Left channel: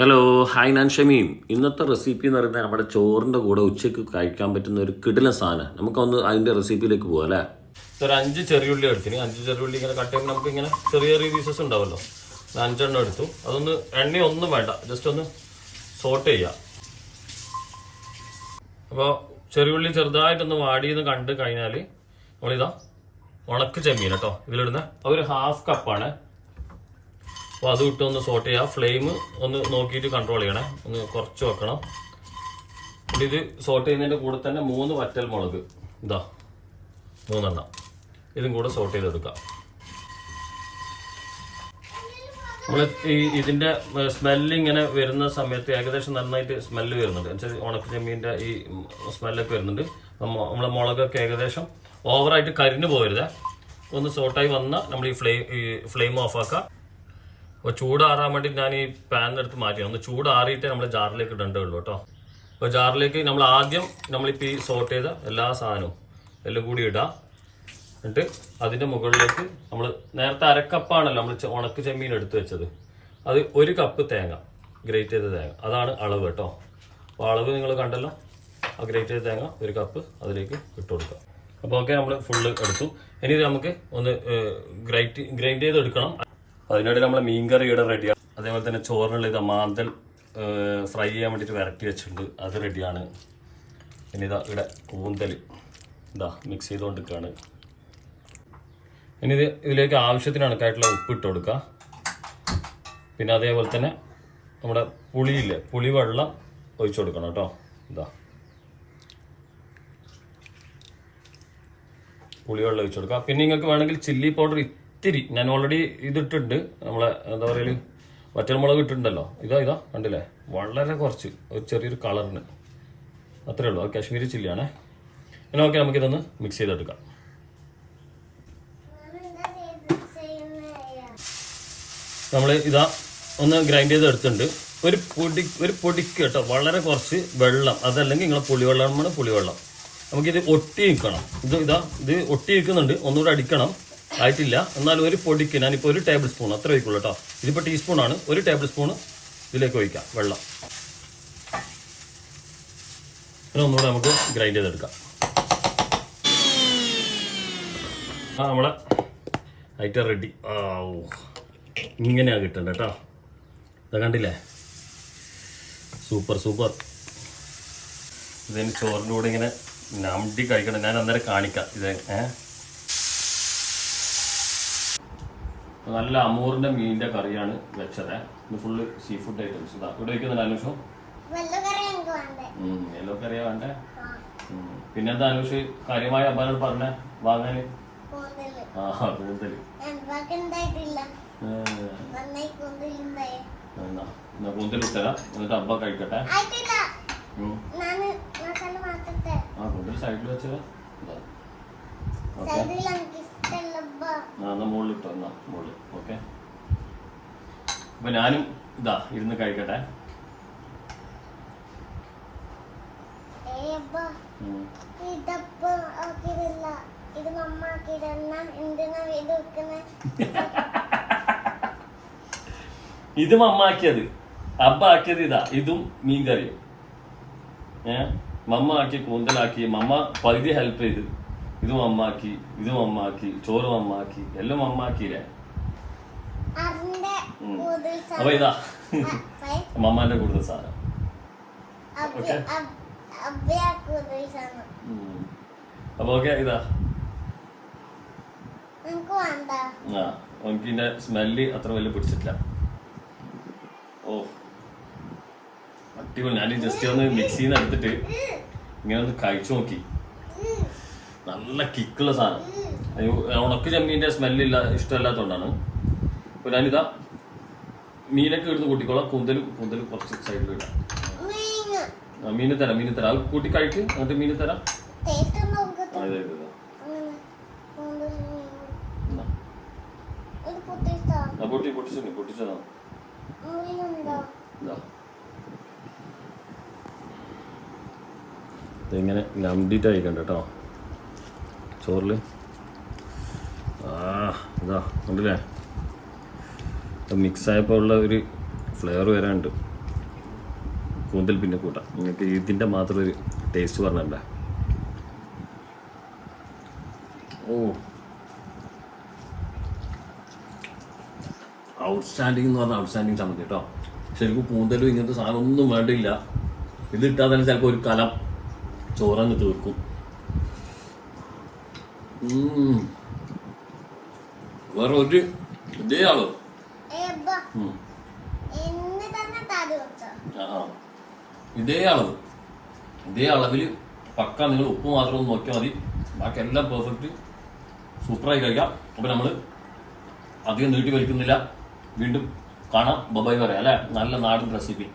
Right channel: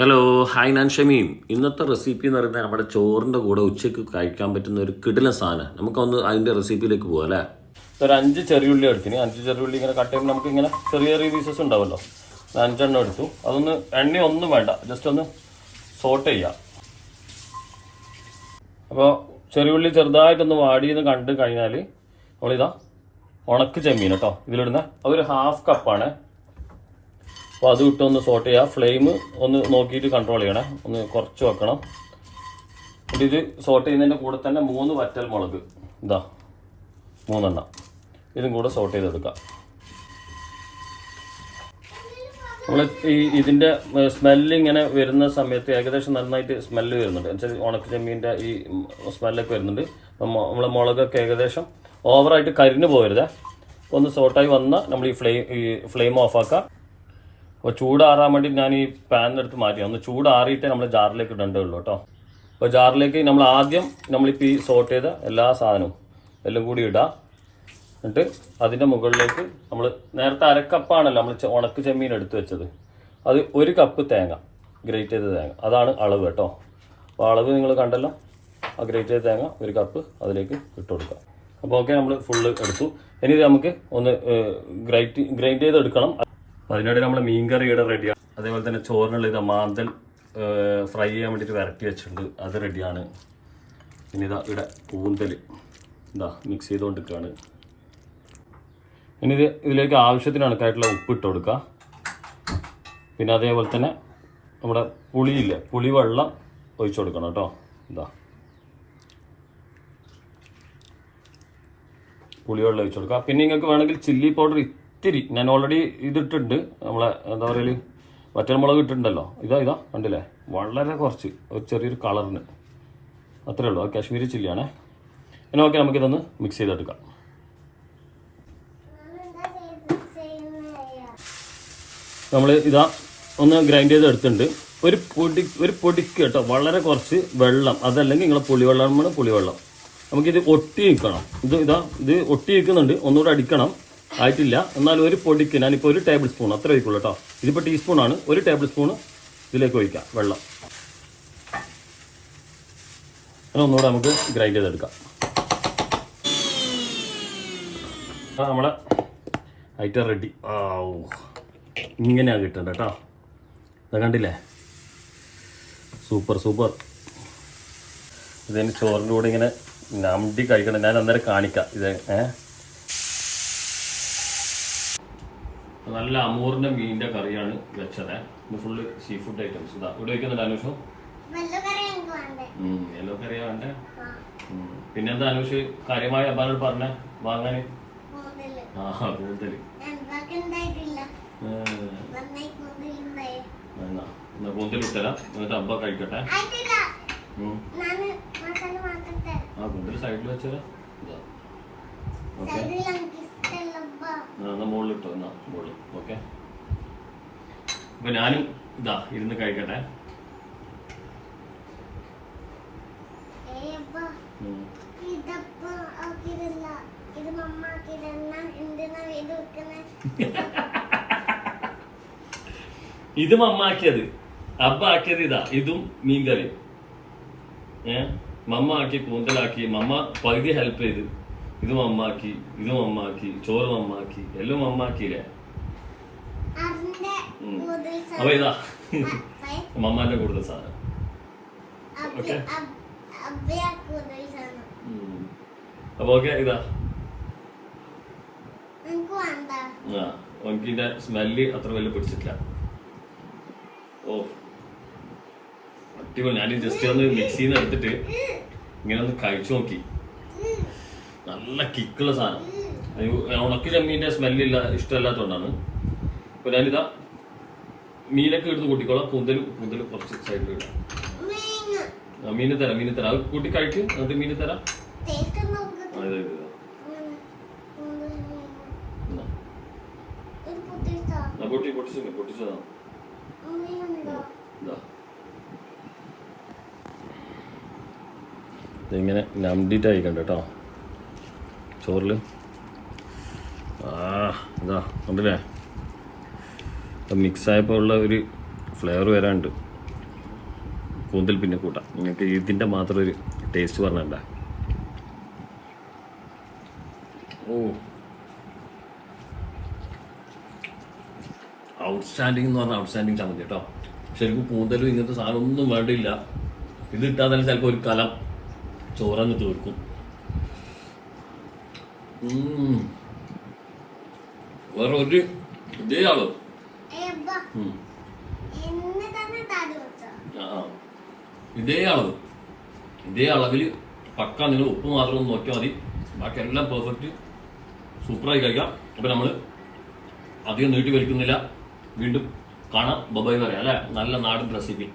Hello hi ഞാൻ ഷമീൻ. ഇന്നത്തെ recipe എന്ന് പറയുന്നത് നമ്മുടെ ചോറിൻ്റെ കൂടെ ഉച്ചയ്ക്ക് കഴിക്കാൻ പറ്റുന്ന ഒരു കിടിലൻ സാധനം. നമുക്കൊന്ന് അതിൻ്റെ റെസിപ്പിയിലേക്ക് പോകാം അല്ലേ. ഒരു 5 ചെറിയുള്ളി എടുത്തിന്. 5 ചെറിയുള്ളി ഇങ്ങനെ കട്ട് ചെയ്യുമ്പോൾ നമുക്ക് ഇങ്ങനെ ചെറിയ ചെറിയ പീസസ് ഉണ്ടാവുമല്ലോ. 5 എണ്ണം എടുത്തു. അതൊന്ന് എണ്ണ ഒന്നും വേണ്ട, ജസ്റ്റ് ഒന്ന് സോട്ട് ചെയ്യാം. അപ്പോൾ ചെറിയുള്ളി ചെറുതായിട്ടൊന്ന് വാടിയെന്ന് കണ്ട് കഴിഞ്ഞാൽ നമ്മളിതാ ഉണക്ക് ചെമ്മീൻ കേട്ടോ ഇതിലിടുന്ന ഒരു 1/2 കപ്പാണ്. അപ്പോൾ അത് ഇട്ടൊന്ന് സോട്ട് ചെയ്യുക. ഫ്ലെയിം ഒന്ന് നോക്കിയിട്ട് കൺട്രോൾ ചെയ്യണേ, ഒന്ന് കുറച്ച് വെക്കണം. ഇത് സോട്ട് ചെയ്യുന്നതിൻ്റെ കൂടെ തന്നെ 3 വറ്റൽ മുളക്, ഇതാ 3 എണ്ണം, ഇതും കൂടെ സോട്ട് ചെയ്തെടുക്കാം. നമ്മൾ ഇതിൻ്റെ സ്മെല്ല് ഇങ്ങനെ വരുന്ന സമയത്ത് ഏകദേശം നന്നായിട്ട് സ്മെല്ല് വരുന്നുണ്ട്. എന്നുവെച്ചാൽ ഉണക്ക ചെമ്മീൻ്റെ ഈ സ്മെല്ലൊക്കെ വരുന്നുണ്ട്. അപ്പം നമ്മളെ മുളകൊക്കെ ഏകദേശം ഓവറായിട്ട് കരിഞ്ഞു പോകരുത്. ഒന്ന് സോട്ടായി വന്നാൽ നമ്മൾ ഈ ഫ്ലെയിം ഓഫാക്കാം. അപ്പോൾ ചൂടാറാൻ വേണ്ടി ഞാൻ ഈ പാനിലെടുത്ത് മാറ്റി. ഒന്ന് ചൂടാറിയിട്ടേ നമ്മൾ ജാറിലേക്ക് ഇടേണ്ടതുള്ളൂ കേട്ടോ. അപ്പോൾ ജാറിലേക്ക് നമ്മൾ ആദ്യം നമ്മളിപ്പോൾ ഈ സോട്ട് ചെയ്ത എല്ലാ സാധനവും എല്ലാം കൂടി ഇടാം. എന്നിട്ട് അതിൻ്റെ മുകളിലേക്ക് നമ്മൾ നേരത്തെ 1/2 കപ്പാണല്ലോ നമ്മൾ ഉണക്ക് ചെമ്മീൻ എടുത്ത് വെച്ചത്. അത് 1 കപ്പ് തേങ്ങ, ഗ്രേറ്റ് ചെയ്ത തേങ്ങ, അതാണ് അളവ് കേട്ടോ. അപ്പോൾ അളവ് നിങ്ങൾ കണ്ടല്ലോ. ആ ഗ്രേറ്റ് ചെയ്ത തേങ്ങ 1 കപ്പ് അതിലേക്ക് ഇട്ട് കൊടുക്കാം. അപ്പോൾ ഓക്കെ, നമ്മൾ ഫുള്ള് എടുത്തു. ഇനി ഇത് നമുക്ക് ഒന്ന് ഗ്രൈൻഡ് ചെയ്ത് എടുക്കണം. അതിനിടെ നമ്മൾ മീൻകറി ഇവിടെ റെഡിയാണ്. അതേപോലെ തന്നെ ചോറിനുള്ള ഇത് മാന്തൽ ഫ്രൈ ചെയ്യാൻ വേണ്ടിയിട്ട് വരട്ടി വെച്ചിട്ടുണ്ട്, അത് റെഡിയാണ്. പിന്നെ ഇതാ ഇവിടെ കൂന്തൽ ഇതാ മിക്സ് ചെയ്തുകൊണ്ടിരിക്കുകയാണ്. ഇനി ഇതിലേക്ക് ആവശ്യത്തിന് കണക്കായിട്ടുള്ള ഉപ്പ് ഇട്ട് കൊടുക്കുക. പിന്നെ അതേപോലെ തന്നെ നമ്മുടെ പുളിയില്ലേ, പുളിവെള്ളം ഒഴിച്ചു കൊടുക്കണം കേട്ടോ. ഇതാ പുളിവെള്ളം ഒഴിച്ചു കൊടുക്കുക. പിന്നെ നിങ്ങൾക്ക് വേണമെങ്കിൽ ചില്ലി പൗഡർ ഇത്തിരി, ഞാൻ ഓൾറെഡി ഇതിട്ടുണ്ട്, നമ്മളെ എന്താ പറയുക വറ്റൽമുളക് ഇട്ടിട്ടുണ്ടല്ലോ. ഇതാ കണ്ടില്ലേ, വളരെ കുറച്ച് ഒരു ചെറിയൊരു കളറിന് അത്രേ ഉള്ളൂ. കാശ്മീരി ചില്ലിയാണേ. ഇനി ഓക്കെ, നമുക്കിതൊന്ന് മിക്സ് ചെയ്തെടുക്കാം. നമ്മൾ ഇതാ ഒന്ന് ഗ്രൈൻഡ് ചെയ്ത് എടുത്തിട്ടുണ്ട്. ഒരു പൊടിക്ക് കേട്ടോ വളരെ കുറച്ച് വെള്ളം, അതല്ലെങ്കിൽ നിങ്ങളെ പുളിവെള്ളമാണ് പുളിവെള്ളം. നമുക്കിത് ഒട്ടി നിൽക്കണം. ഇത് ഒട്ടി നിൽക്കുന്നുണ്ട്, ഒന്നുകൂടെ അടിക്കണം. ആയിട്ടില്ല, എന്നാൽ ഒരു പൊടിക്ക് ഞാനിപ്പോൾ 1 ടേബിൾ സ്പൂൺ അത്ര ഒഴിക്കുള്ളൂ കേട്ടോ. ഇതിപ്പോൾ ടീസ്പൂണാണ്. 1 ടേബിൾ സ്പൂൺ ഇതിലേക്ക് ഒഴിക്കാം വെള്ളം. പിന്നെ ഒന്നുകൂടെ നമുക്ക് ഗ്രൈൻഡ് ചെയ്തെടുക്കാം. നമ്മളെ ഐറ്റം റെഡി. ഇങ്ങനെയാണ് കിട്ടേണ്ടത് കേട്ടോ. അത് കണ്ടില്ലേ, സൂപ്പർ. ഇതിന് ചോറിൻ്റെ കൂടെ ഇങ്ങനെ നമ്പി കഴിക്കണം. ഞാൻ അന്നേരം കാണിക്കാം. ഇത് നല്ല അമൂറിൻ്റെ മീനിൻ്റെ കറിയാണ് വെച്ചത്. ഇത് ഫുള്ള് സീ ഫുഡ് ഐറ്റംസ്. ഇതാ ഇവിടെ വയ്ക്കുന്നുണ്ട് അനുഷോ. യെല്ലോ കറിയാ വേണ്ടേ. പിന്നെ എന്താ അനുഷ് കാര്യമായി അബ്ബാനോട് പറഞ്ഞേ വാങ്ങാൻ? കൂന്തൽ കൂന്തൽ ഇട്ടരാ, എന്നിട്ട് അബ്ബ കഴിക്കട്ടെ. കൂന്തൽ സൈഡിൽ വെച്ചതാ. മുകളിൽ ഇട്ടോ, എന്നാ മുകളിൽ. ഓക്കെ, അപ്പൊ ഞാനും ഇതാ ഇരുന്ന് കഴിക്കട്ടെ. ഇത് മമ്മാക്കിയത്, അബ്ബ ആക്കിയത് ഇതാ. ഇതും മീൻകറി മമ്മ ആക്കി, കൂന്തലാക്കി. മമ്മ പകുതി ഹെൽപ്പ് ചെയ്ത്. ഇത് മമ്മാക്കി, ഇത് മമ്മാക്കി, ചോറ് മമ്മാക്കി, എല്ലാം മമ്മാക്കിയില്ലേ. അപ്പൊ ഇതാ മമ്മാന്റെ കൂടുതൽ സാധനം. അപ്പൊ ഓക്കെ, ഇതാ എനിക്കിന്റെ സ്മെല്ല് അത്ര വലിയ പിടിച്ചിട്ടില്ല. ഓ അടിപൊളി. ഞാൻ ജസ്റ്റ് ഒന്ന് മിക്സിന്ന് എടുത്തിട്ട് ഇങ്ങനെ ഒന്ന് കഴിച്ചു നോക്കി. നല്ല കിക്കുള്ള സാധനം. ഉണക്ക് ചെമ്മീൻ്റെ സ്മെല്ലില്ല, ഇഷ്ടമല്ലാത്തതുകൊണ്ടാണ്. അപ്പോൾ ഞാനിതാ മീനൊക്കെ എടുത്ത് കൂട്ടിക്കോളാം. കൂന്തലും കുറച്ച് സൈഡിൽ ഇടാം. മീന് തരാം അത് കൂട്ടി കഴിക്കും. എന്നിട്ട് മീന് തരാം. പൊട്ടിച്ചതാ. ഇതിങ്ങനെ നമ്പിട്ട് കഴിക്കണ്ട കേട്ടോ ചോറിൽ. ഇതാ കണ്ടില്ലേ, മിക്സായപ്പോൾ ഉള്ള ഒരു ഫ്ലേവർ വരാനുണ്ട്. കൂന്തൽ പിന്നെ കൂട്ടാം. നിങ്ങൾക്ക് ഇതിൻ്റെ മാത്രം ഒരു ടേസ്റ്റ് പറഞ്ഞിട്ടുണ്ട. ഓ ഔട്ട്സ്റ്റാൻഡിങ് എന്ന് പറഞ്ഞാൽ ഔട്ട്സ്റ്റാൻഡിങ് ചമ്മന്തി കേട്ടോ. ശരിക്കും കൂന്തലും ഇങ്ങനത്തെ സാധനം ഒന്നും വേണ്ടിയില്ല. ഇത് ഇട്ടാൽ തന്നെ ചിലപ്പോൾ ഒരു കലം ചോറങ്ങ് തീർക്കും. വേറെ ഒരു ഇതേ അളവ് ഇതേ അളവിൽ പക്ക നിങ്ങൾ ഉപ്പ് മാത്രം ഒന്ന് നോക്കിയാൽ മതി. ബാക്കി എല്ലാം പെർഫെക്റ്റ് സൂപ്പറായി കഴിക്കാം. അപ്പം നമ്മൾ അധികം നീട്ടി വലിക്കുന്നില്ല. വീണ്ടും കാണാം. ബൈ പറയാം അല്ലേ. നല്ല നാടൻ റെസിപ്പി.